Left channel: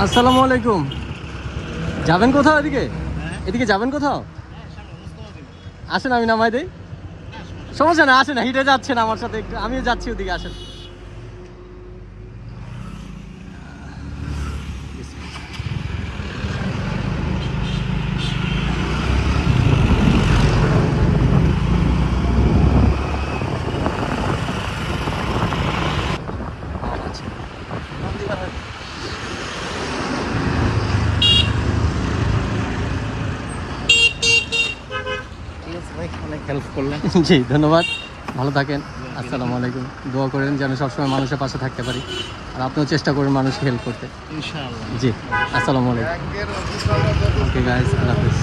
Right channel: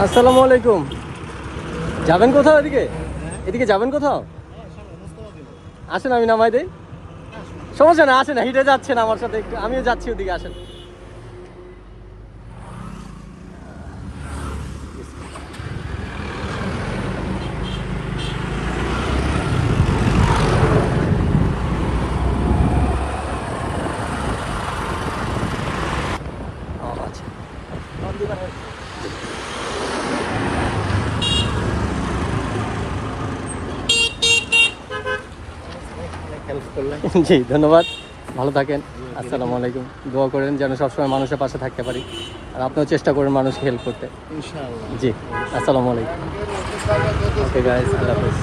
আসসালামু আলাইকুম। যাবেন কোথাও এদিকে? এদিকে যাবেন কোথাও? আসেন আমি নামাই দেই। সমস্যা না, আসেন, হেঁটে যাচ্ছেন আমার সাথে একটু, আমিও যাচ্ছি ওদিকে, আসেন। আচ্ছা, জি ধন্যবাদ, ভালো থাকেন। আসসালামু আলাইকুম। দোয়া করেন যেন সবসময় মানুষের পাশে থাকতে পারি, আর আপনিও চেষ্টা করেন মানুষকে হেল্প করতে। ইনশাআল্লাহ। জি, আসসালামু আলাইকুম। ওকে গাইস, আল্লাহ হাফেজ।